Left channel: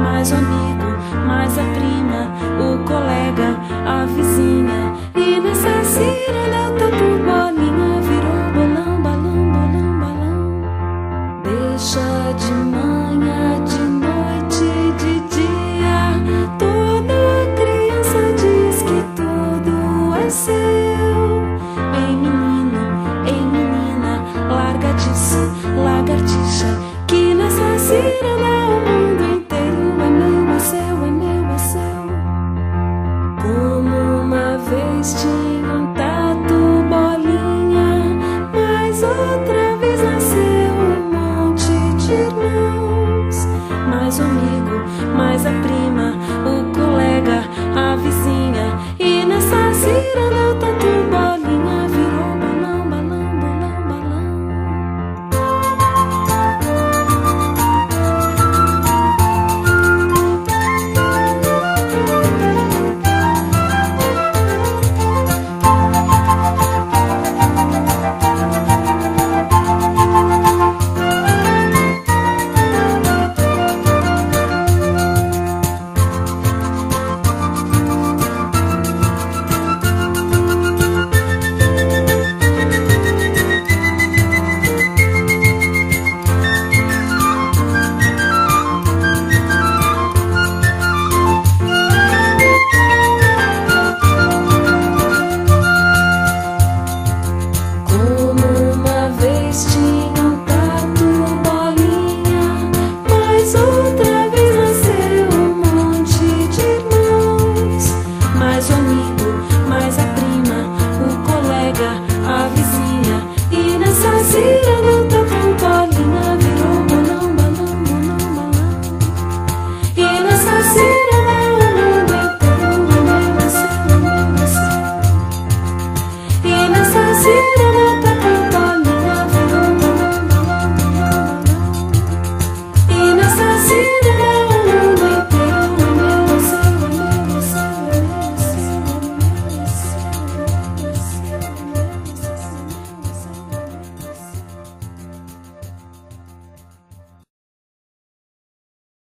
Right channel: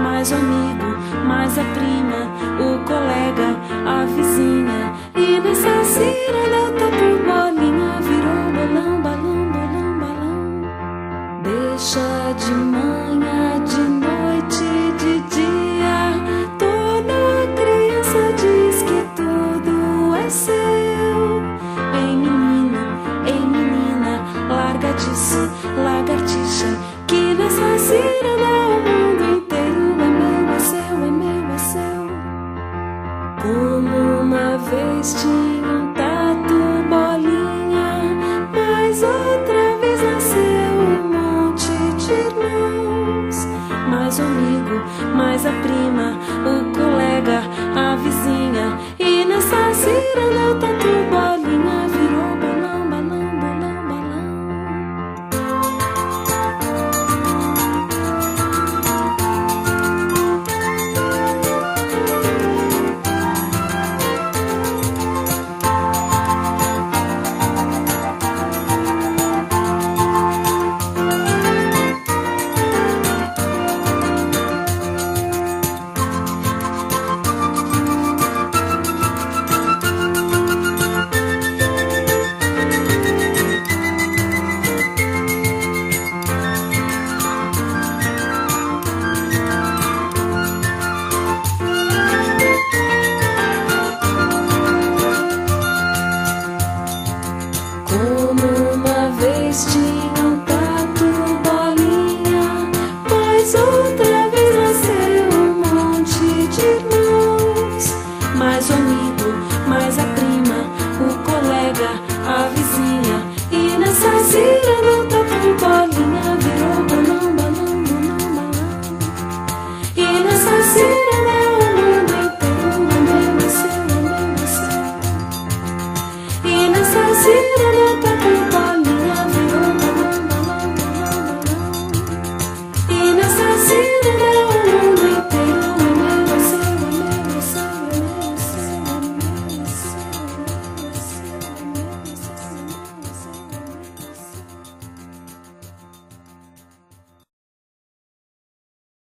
mais o amigo, mais a prima, o colega, a vizinha. E nessa ciranda o tatu bolinha virou bolão, balão, bolão, balão. Deixa de manhã, de noite, de dia, toda criança diz que tudo é seu. Ei menino, ei menina, larga disso, lagartixa, que nessa ciranda o mundo inteiro é meu, é seu, é meu, é seu. Como uma vez tinha um tatu bolinha, mas outra vez nasceu um monte de irmãos. Mais o amigo, mais a prima, o colega, a vizinha. E nessa ciranda o tatu bolinha virou balão, balão, bolão, balão. Como uma vez tinha um tatu bolinha, mas outra vez nasceu um monte de irmãos. Mais o amigo, mais a prima, o colega, a vizinha. E nessa ciranda o tatu bolinha virou bolão, balão, bolão, balão. E nessa ciranda o mundo inteiro é meu, é seu, é meu, é seu. E nessa ciranda